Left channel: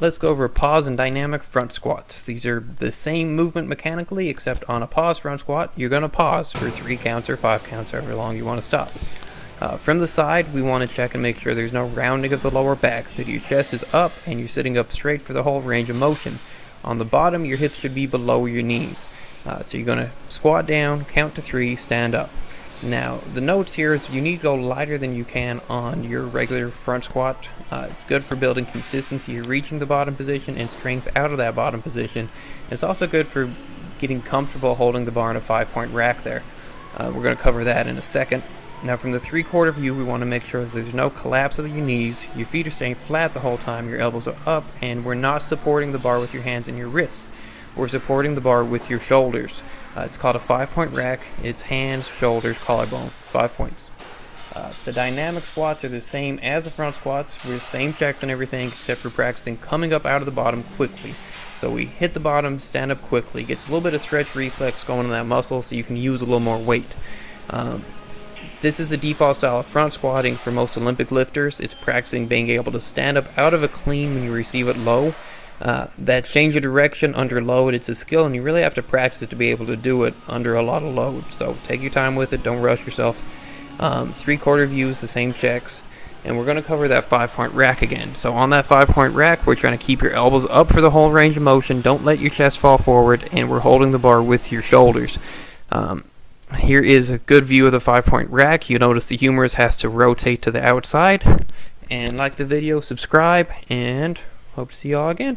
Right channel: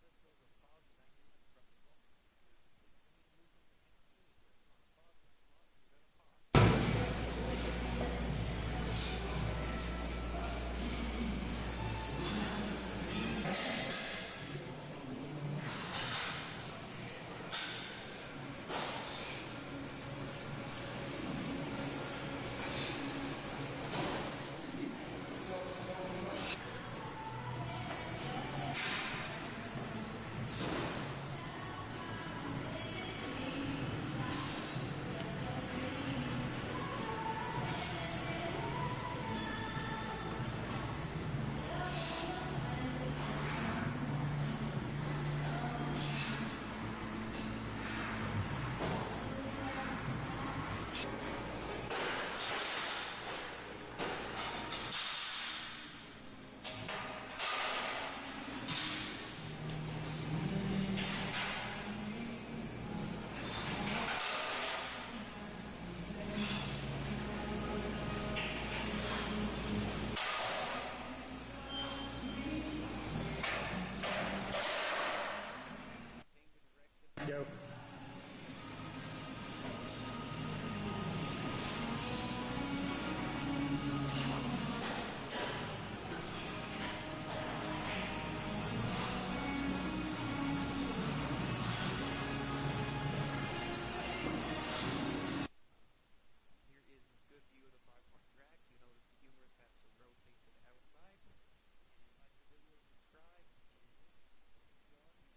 Let's go over pause and dynamic front squats. These are the same movement mechanically, except on a pause front squat, you're going to pause for 3 counts or 5 counts, however long you want to stop. From the side, we want to check and make sure there's no rounding of the lower back, that your chest is up and you're sitting up straight for the whole range of motion. On the bottom, your hips should be below your knees. So you're going to squat down, count to 3, stand up. Now, the notes here is you need to go lighter than you can on your regular front squat. It's good for building consistency, reaching the bottom position, and strength out of that bottom position. It's also good for getting comfortable holding the bar in a 5-point rack there. We're going to cover that in a second. Now, from the 3/4 view, we want to make sure that there's no collapse of your knees, your feet are staying flat the whole time, your elbows are up, and we're not supporting the bar with your hands and your wrists. We're supporting the bar with your shoulders. It's called a 5-point rack. It's hands, shoulders, collarbone, 5 points. The dynamic squats are the same as the front squats. We're the same checks and everything, except for practicing coming up out of the bottom quickly. So we hit the bottom, stand up quickly. Gets a little bit of stretch reflex going in that muscle, so you can use a little more weight. This is the default style of front squatting for most Olympic lifters. It's practicing being able to stand up out of a clean when you receive it low. That change of direction under load, it's a skill, and you really have to practice it to be able to do it under a lot of load. So take your time with it, don't rush yourself. 3/4 views, the same checks, and we're going to cover that 5-point rack again. So on that 5-point rack, we're trying to keep your elbows up for the whole range of motion, don't let your chest fall forward, and we're holding the bar with your shoulders. Here is a good view of the 5-point rack. You notice the humerus has to rotate to the outside. And like the video, subscribe, and hope to see y'all again.